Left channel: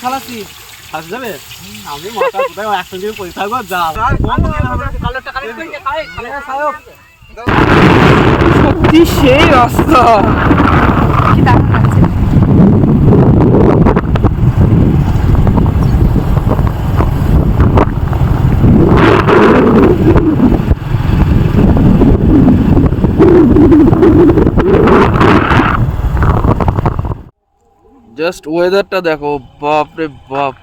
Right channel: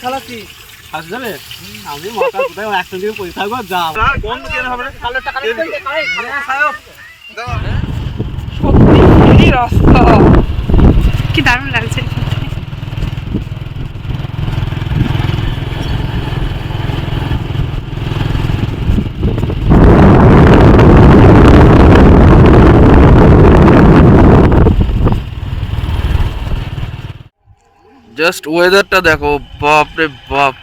খালাসি হাস যাবে আমি মাথা কোথায় এক সঙ্গে পয়সা থাকবো যা সত্যি সেই রাস্তা কি দারুণ লাগছে জাস্ট ওয়েদারটা দেখো বাপ রে বাপ।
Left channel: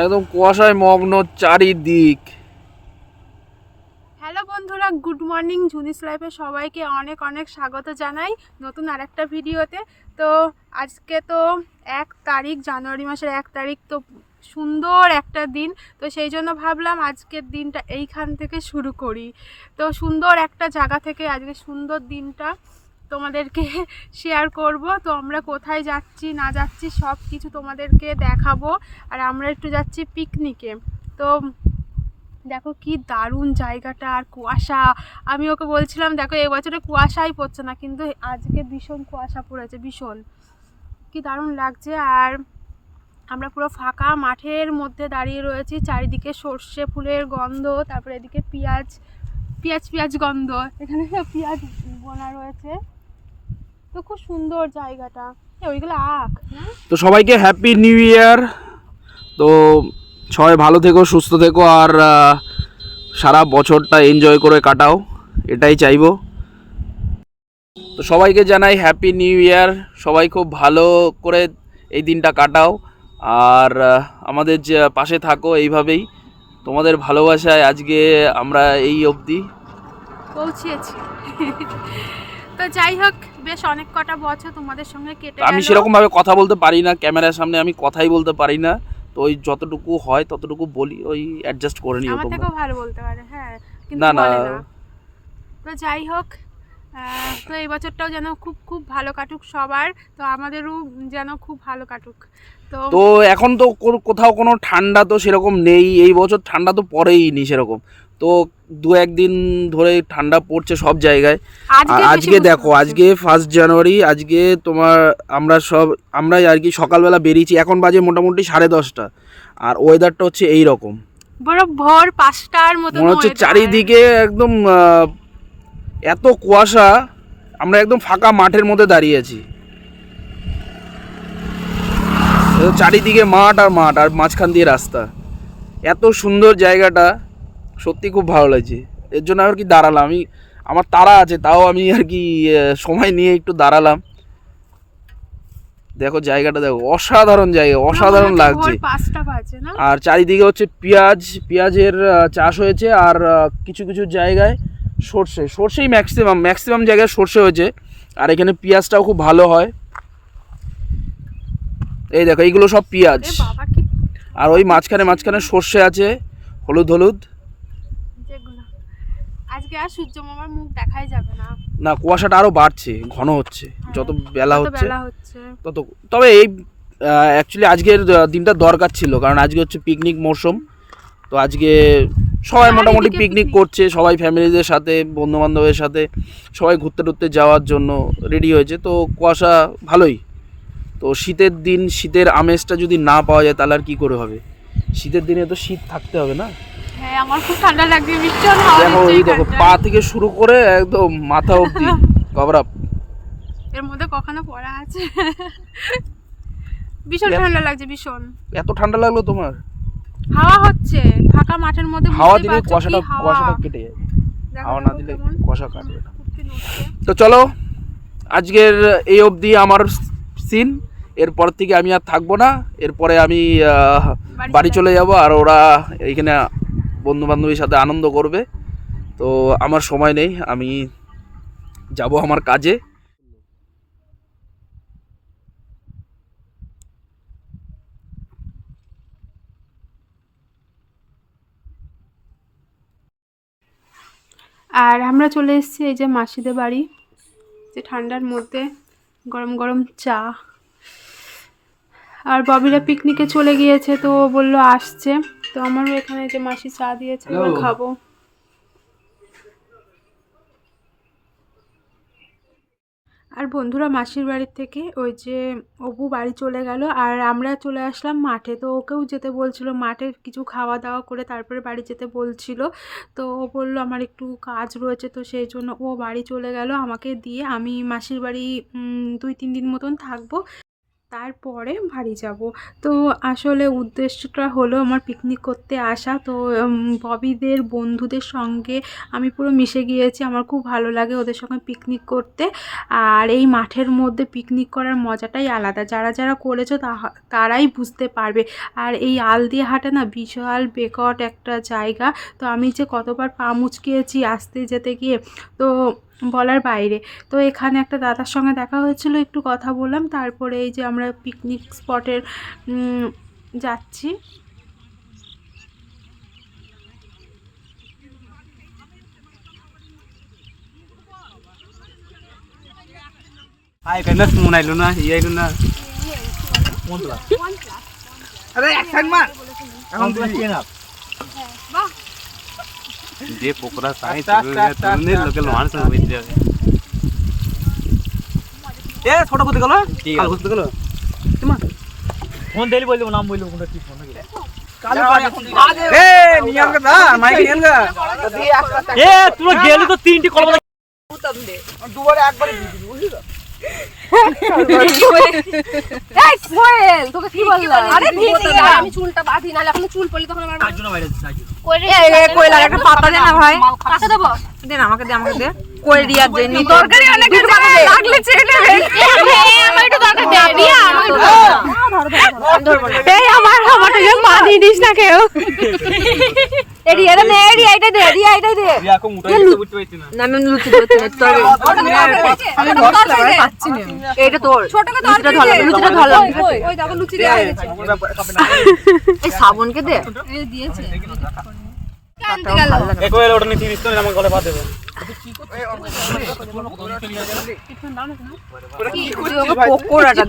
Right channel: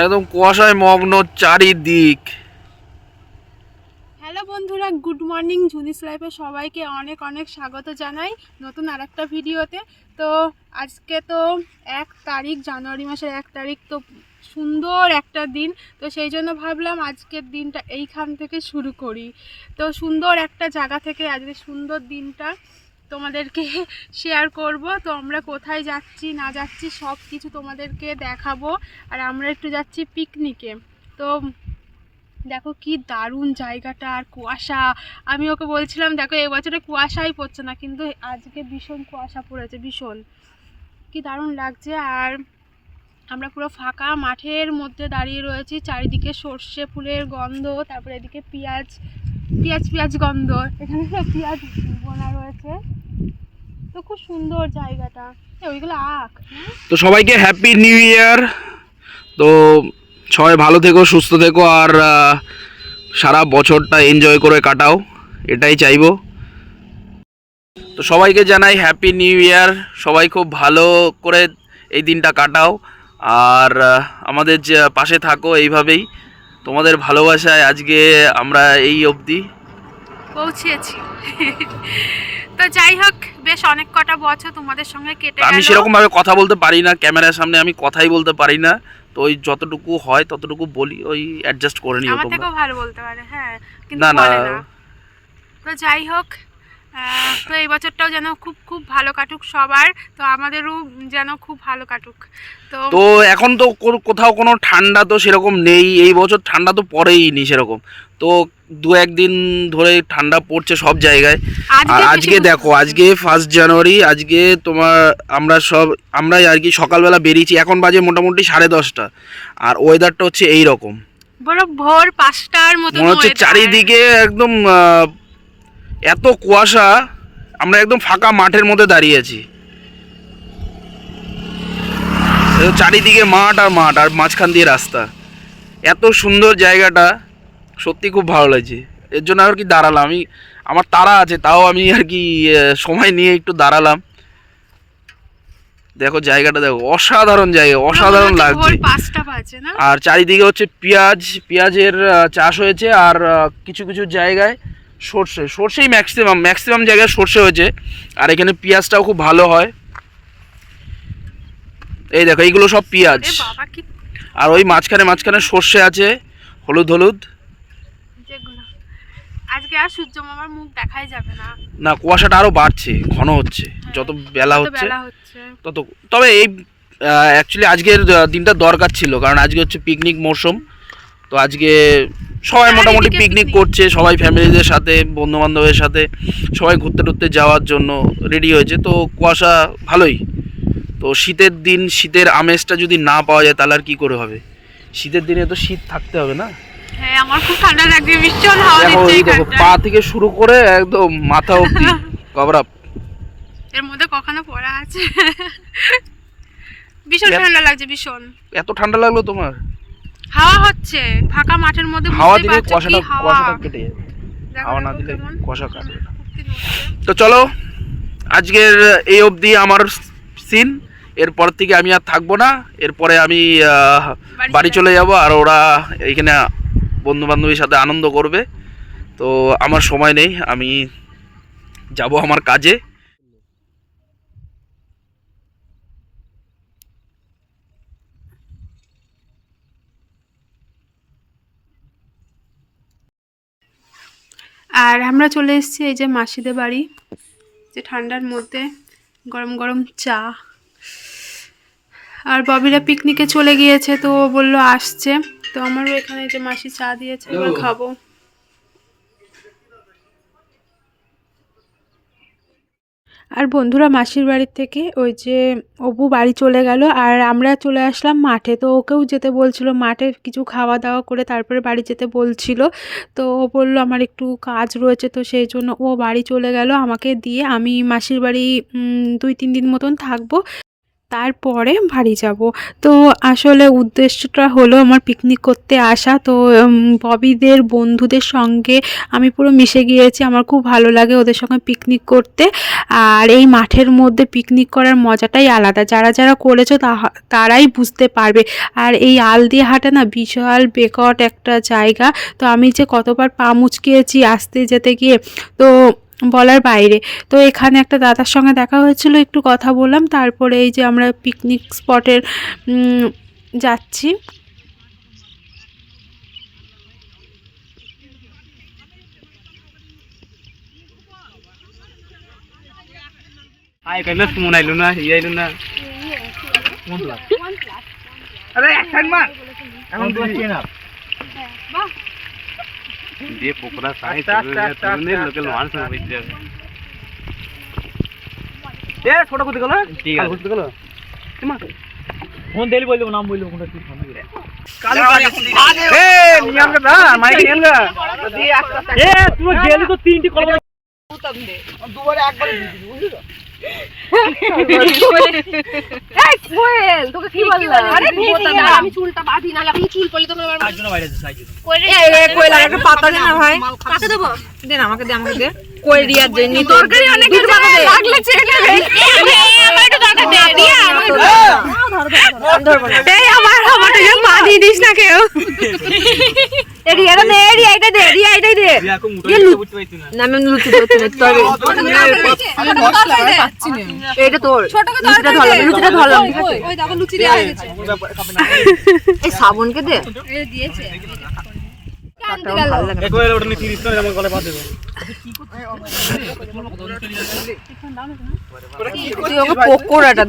একদম কুয়াশায় মগ্ন চারিদিক। হ্যালো বন্ধুরা, গুড মর্নিং, জুনিস লাইফে সবাইকে অনেক অনেক স্বাগত জানাই নতুন আরেকটা ভিডিওতে। তো আজকে তো এক তারিখ, জানুয়ারি মাসের এক তারিখ, তো সুন্দর একটা দিন। তো সেই জন্য ভাবলাম আজকের দিনটা এইখান থেকে শুরু করি। তো সুন্দর একটা জায়গা থেকে আজকে সুন্দর দিনটা তোমাদেরকে শেয়ার করব। তো আমরা কোথায় যাচ্ছি, না যাচ্ছি সব কিছু তোমাদেরকে দেখাবো। আর আমরা একটু যাচ্ছি পিকনিকে তো দেখো কি দারুণ জায়গাটা আর কুয়াশা। আমি ওকে বলছিলাম, দেখো এবছরে কুয়াশাই পড়ছে না, কিন্তু আজকে ভীষণ কুয়াশা পড়েছে, ভীষণ। কি দারুণ লাগছে। আর আমরা পুরো ফাঁকা মাঠের মধ্যে দাঁড়িয়ে রয়েছি, চারিদিকে সর্ষে ফুলের গন্ধ, তারপরে এদিকে পেঁয়াজ পেঁয়াজ পেঁয়াজ গন্ধ। এখানে পেঁয়াজ বোনা রয়েছে। তো খুব সুন্দর জায়গাটা। ওইগুলো আখ তো সবাইকে হ্যাপি নিউ ইয়ার তো সবাই ভালো থেকো সুস্থ থেকো আর সারা বছরটা এনজয় করে কাটাও। এটাই চাইব। তো সবাইকে জানাই হ্যাপি নিউ ইয়ার সবাই খুব ভালো করে এই দিনটা কাটাও। আর আমাদের যে পাশে থাকো এইভাবেই। তোমাদের ভালোবাসায় আজকে আমরা এই অবধি পৌঁছেছি। তো যাই হোক বেশ অনেক কটা বছর তোমাদের সঙ্গে কেটে আমি। সেরকম ভাবে কথা বলতে পারি না ক্যামেরার সামনে আমি কথাই বলতে পারি না। তো ওই যতটুকু হয় ততটুকু বলি ওই অ্যাডজাস্ট করে নিও তোমরা। আমার থেকেও ভালো বলতে পারে হ্যাঁ কিন্তু না না। তো যাই হোক তো এই বছরটাও যেন খুব খুব ভালো কাটুক সবার তো আমাদেরও যেন খুব ভালো কাটুক। তো তো এখন তো কোথাও কোনো ঠান্ডা তো সেরকম নেই এই বছর ঠান্ডা তো পড়েই নি সেরকম। তো দু একদিন ধরে ঠান্ডা পড়ছে সব জায়গায়। আর আজকে দেখো আজকে ফার্স্ট জানুয়ারি আজকে তোমার আমরা সব আমরাই আর কি সকালবেলা বেরিয়েছি এখন বাজে মোটামুটি সাড়ে দশটা। আর ওয়েদারটা হচ্ছে এই রকম বড় ভোর পাঁচটার মতো মনে হচ্ছে চারিদিকে একদম এত কুয়াশা আমরা একদম ফাঁকা মাঠের মধ্যে দাঁড়িয়ে আছি। চারিদিকে মাঠ আর মাঠ আর মাঝখান দিয়ে রাস্তা। এত সুন্দর জায়গাটা সত্যি খুব ভালো লাগছে। এর জন্য আর কি দাঁড়ালাম। আমি আমার তারা আছে তাও আমি আর কি সময় নিয়ে একটু দাঁড়ালাম। দেখো জায়গাটা দেখো অসাধারণ জায়গা অসাধারণ লাগছে। আর চারিদিকে হচ্ছে পেঁয়াজ পেঁয়াজের চাষ হয়েছে আর কিছু কিছু জায়গায় সর্ষে সর্ষেই ম্যাক্সিমাম ম্যাক্সিমাম জায়গায় সর্ষে হয়েছে। আর এখানে পেঁয়াজটাও খুব ভালো হয়। এই দেখো এইগুলো সব পেঁয়াজ। আর ওই মাঝখানে মাঝখানে সর্ষে আছে হলুদ হলুদ। আজকে আর সূর্য মামার মুখ দেখাই যাবে না। না কুয়াশাটা আরও বাড়ছে ঘন হচ্ছে। যত বেলা হচ্ছে তত তবে এই অ্যাকচুয়ালি আজকের দিনটা দরকার ছিল কারণ আজকে হচ্ছে পিকনিক মরশুম তো আজকে সবাই হ্যাঁ, মোটামুটি পিকনিক করছে সবাই ফ্যামিলিদের সাথে বন্ধু বান্ধবের সাথে সবাই ঘুরতে টুরতে যাওয়ার জন্য রেডি হয়েছে। তো কুয়াশা ভালোই। তো শীতের দিন শীতের আমেজটা যদি না পাওয়া যায় তাহলে আর কী করে হবে? শীতের দিনে তো শীত থাকতে হবে না? হ্যাঁ আমার খুব ঠান্ডা লাগছে ভীষণ হাওয়া দিচ্ছে দেখো পা থেকে শুরু করে একদম মাথা অবধি কভার আপ এর মধ্যে কখনো পড়া আছে। ভীষণ ঠান্ডা লাগছে ভীষণ। এত ঠান্ডা লাগল তোমার? হাওয়া হচ্ছে ফাঁকা মাঠের মধ্যে হাওয়া দিলে কুয়াশাটা কুয়াশাটা কেটে যাবে। হাওয়া না দিলে। কুয়াশা কাটবে। তো চলো আজকের এই অবধি আমার সিন এরপর থেকে আমি আর থাকব না। এরপরে আমি বাড়ি চলে যাব। আর ওরা এইখানে বন্ধু বান্ধবীর সাথে আনন্দ করবে। তো আমার সময় নেই আমি যাব আমার কাজে। আর আমরা চলে এসেছি এই যে মাসিদের বাড়ি যে ঠান্ডার মধ্যে গরম গরম চা। আর ববিরা পিকনিকে চলে গিয়েছে তো ও বলল আসছে। তো আমারও এখানে যে মাসি চা দিয়েছে এবার খাব। আর বন্ধুরা মাসির বাড়ির থেকে ওই যে অপু বাড়ি চলে গেল আর আমরা চলে আসলাম মাঠে। তো ওকেও যেতে বলছিল, মাঠে কিছু খাওয়া দাওয়া করে তারপরে বাড়ি যেতে বলছিল। তো ও বলল, আমার একটু কাজ রয়েছে। তো সেই জন্য ও বাড়ি চলে গেল। আমাকে দিয়ে আমি মাসির বাড়ি দুই, তিন দিন মতন থাকব। তারপরে বাড়ি যাব। তো আসলে উদ্দেশ্যটা হলো আমার পিকনিক করতে আসা। তো ববিদের বন্ধুদের সঙ্গে আমি পুরো মিশে গিয়েছি। আমার খুব ভালো লাগে ওদের সঙ্গে পিকনিক করতে। আর এই মাঠের মধ্যে পিকনিক করার মজাটাই আলাদা। যারা যারা করেছ তারাই বুঝতে পারবে। আর এই আল দিয়ে হাঁটা না বিশাল বেকট একটা জায়গা। তো আমি যে কতবার পা মুচকিয়েছি আসতে যেতে গিয়ে। তো বলার বাইরে। তো এখানে একটা দাদার সঙ্গে দেখা হয়েছিল একটু কথা বললাম তারপরে এই যে আমরা পিকনিক স্পটের যাচ্ছি। আই কাইলে আইলো না ই আইলো না। আরে এখন তুমি টাক, লোকাল টাক, মানুষ টাক। বুঝতে এ ছোট করতে গেল ঠিক আছে। করতে গেল ফোন দেলি বললি নাম বললি কোনটা কি ফোন গেলে কালু এ নিয়ম না মাইক এ তুই গেলি তো তিনটি কলম দুবারে একবার বুঝলি তো তোকে কি বললাম আরে আমি চুলটা বাঁধি না এখন চুল তখন আমার বাইরে একটা পাতা না ভাই। পাতা দেবো? দে না আমাকে দে আমাকে দে কোয়েল রিয়ার জন্য তরকারি অনেক লাগলে চেয়ে নেবে আমার একটু দরকার দে রিয়া আমাকে এই আমার আমারটা যেন বাঁধিয়ে দিস না কেউ এ দে রিয়া এটা দে রিয়া এটাই দে রিয়া কো মুটা বুঝতে পারছিস না না আমি লুচি করতে আমি বসলাম আর পাচ্ছি না এটা তোর ছোট করে লুচিটা লুচিটা ধরো ওই দেখো লুচি দেওয়া হয়েছে এই শ্রাবণকে দে এক ওয়েল ওটা আমার গলে পকোড়াটা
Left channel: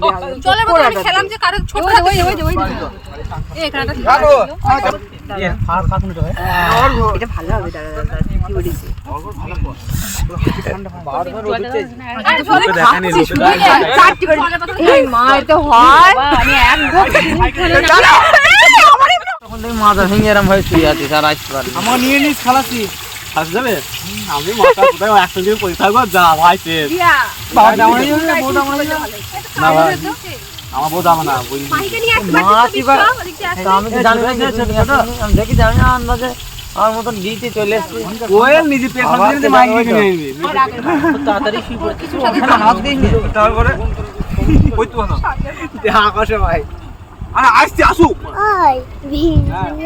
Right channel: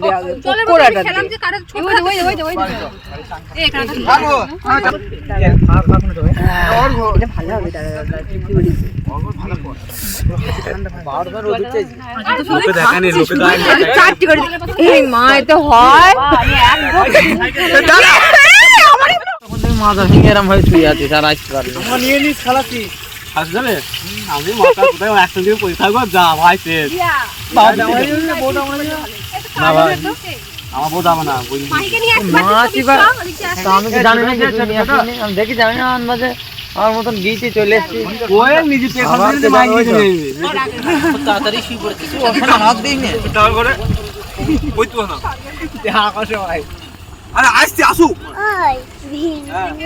দে আগে পকোড়াটা দে ওই ওই ওই ওই এই এখানে এটা ভালো হবে দাদা দাদা কি বলিস লোকে দেখানি লোকে দেখানি চারটি করে এই মা এটা হয় আমি আমার নিয়ে নিস খালাসি যাবে আমি মাথা কোথায় থাকব যা ভাই না ভাই। আমার বউ যাবে না বুঝলি দেখি জানি না আন্দাজে আমার মতন গিয়েছি চলে এসেছি। কোয়েল নিজে পেশা দিয়ে মাইক নিয়ে নিয়ে তাড়াতাড়ি শুয়ে পড়েছি হাত দিইনি তারপরে ওই না। আকাশে ভাই। আরে আসছে আসুক।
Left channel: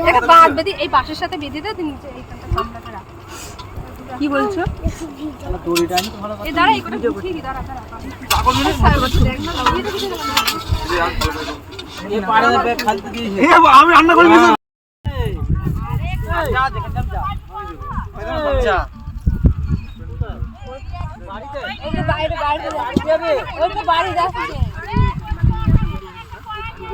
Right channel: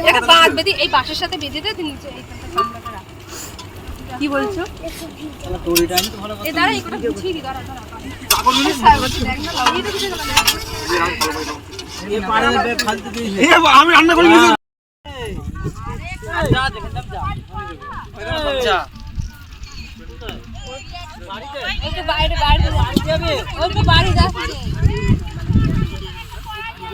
এটা বাদ বেঁধে এই বাঁশের সাথে বেঁধে দে নিচে এইখানটা রাখ। কি বলছো? দড়িটা আমি তো ভালো এই দাঁড়া এইটা গুছিয়ে দি দাঁড়া দাঁড়া। আমি রান্না করে নিয়েছি এই। তো বাইরে বাইরে। যাবে ওই তো বাড়ি যাচ্ছে কটার সময় আমি ঘুম তুলতে হবে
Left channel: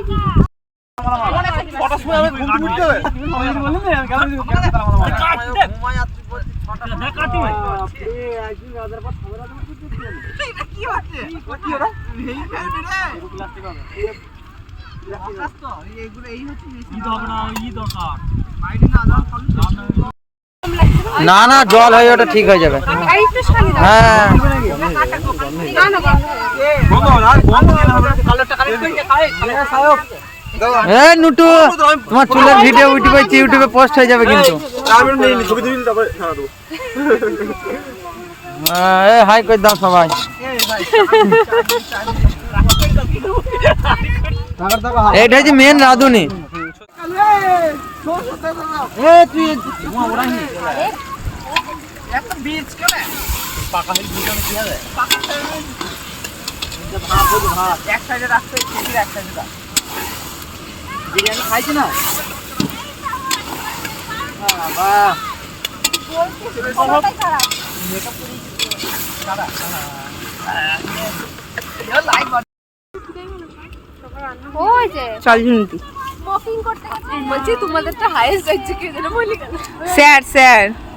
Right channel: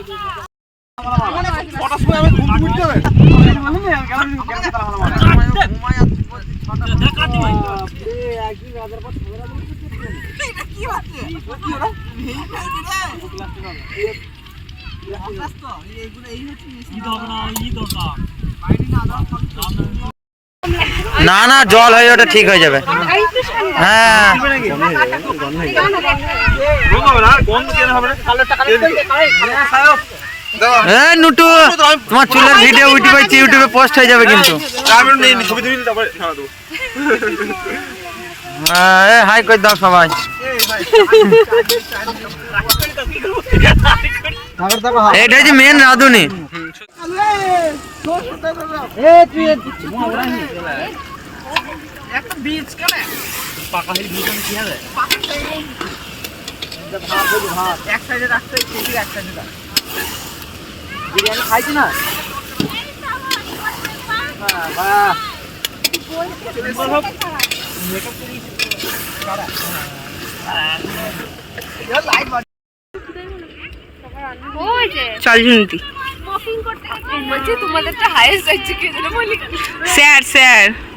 না না জল হয়ে ওটা ঠিক হয়ে যাবে। হ্যাঁ। এ নুটু তোমার চুলের ভিডিও ইউটিউবে ইউটিউবে পোস্ট হয়ে যাবে কিন্তু। হ্যাঁ, এ হাই করে দাও সবাই। এইটা হচ্ছে মেন রাঁধুনি। বিরিয়ানি খাইছি না? ওই যে। চল ঝুনতি স্মোকিং করতে করতে বলছি তোমাদেরটা হাইয়েস্ট যাচ্ছে কে যেন বলি স্যার স্যার। এটা মাংসটা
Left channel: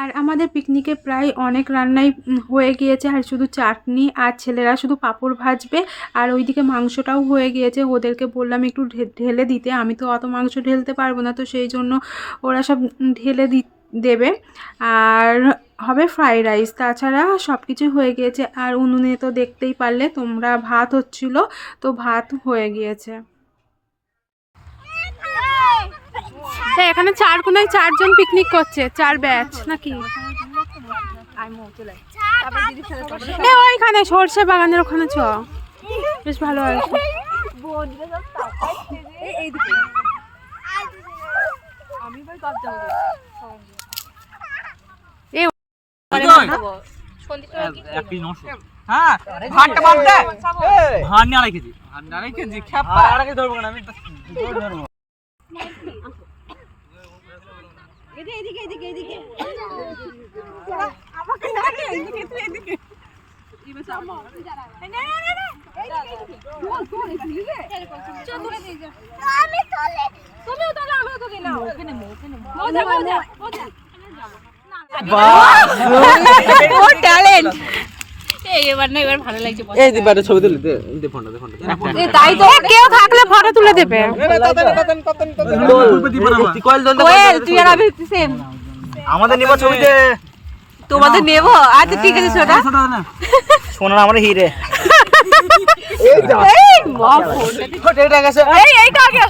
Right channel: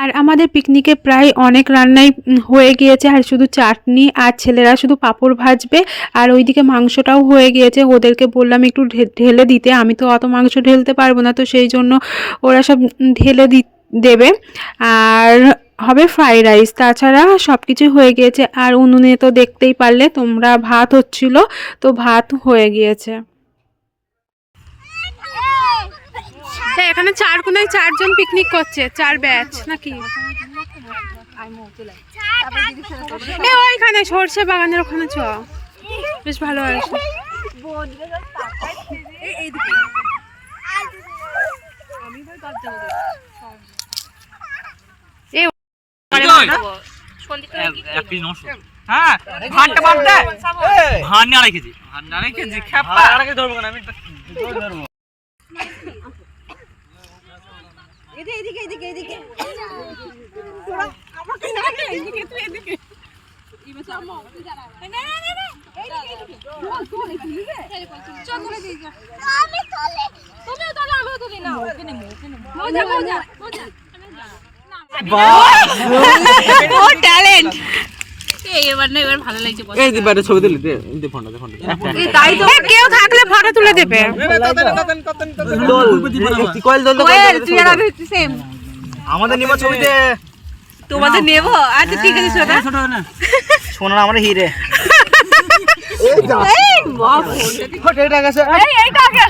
আর আমাদের পিকনিকে প্রায় অনেক রান্নাই হয়ে গিয়েছে, আর শুধু চাটনি আর ছেলেরা শুধু পাঁপড় ভাজবে, আর ওইদিকে মাংসটাও হয়ে গিয়েছে। ওদেরকে বললাম একটু ঢেলে দিতে, আমি তো অত মাংস ঢেলতে পারব না, তো সেই জন্য ওরা সব ঢেলে দি, দেবে। আর হবে ফ্রাইড রাইস, তাছাড়া সব কিছু হয়ে গিয়েছে। আর উনুনে তো দেখতেই পারলে তোমরা ভাত হচ্ছিল, তো ভাত হয়ে গিয়েছে। হ্যাঁ এখানে চার কোনায় চারজন পিকনিক করছে চার ব্যাচ নাকি? এ ওইখানে সর্ষে বাগানের ওখানে চ। বেশ ভালো আছে এ এক কেজি নশো। হ্যাঁ এদিকে এদিকে এদিকে আড়াই কেজি ধরবো না আমি ধরবো এই দিবারে ছবি দিলি দে দে ফোনটা দে ফোনটা এ, কেউ আমাদের নিবা ছবিতে তোমাদের নেব আচ্ছা ঠিক আছে সোনা আমার হিরে এই এইটা আগে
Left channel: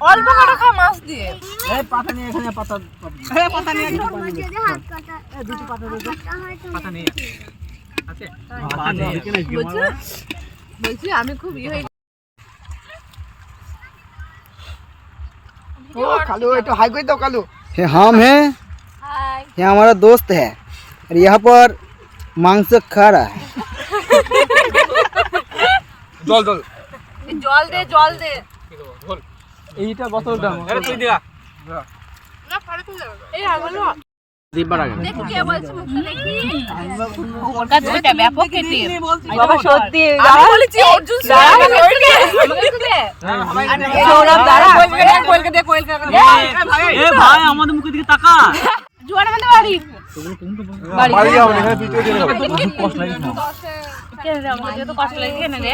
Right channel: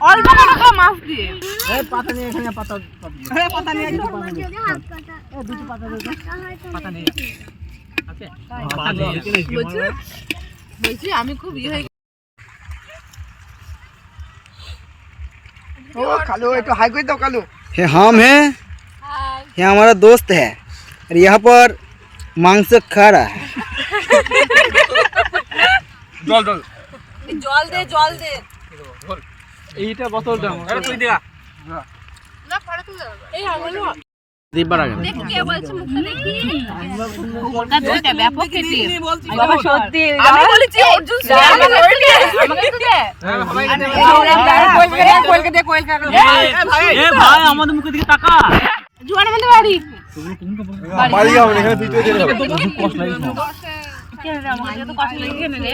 আসে এইটাই আগে আসে এই এইটা এই ওটা দিয়ে মাছ দিয়ে ডোন্ট ডিস্টার্ব তারপর ইয়ে খাবি অল্প করে খা মাছ দিয়ে পাতা নেই আছে বলছি আমি খুব ইয়ে হয়ে ये हम हैं ये हमारा दोस्त है और यहाँ पर मांस खा रहा है জল জল জল দে জল দে এইটা বোতলটা আরে তুই দিয়া এই আমলো দিবার আগে দেখি কে বলছে মুখটা দেখি। ওর কাছে এটা ব্যাপক কেটে বাবা সত্যি আমি বলেছি অর্জুন স্যার আমাকে দে আমাকে একটু দে কোয়েল দে কোয়েল দে এ ভাই আমাদের মুখের দিকে তাকা। জুয়ার মধ্যে বাড়ি। কষ্ট লাগে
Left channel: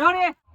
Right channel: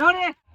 না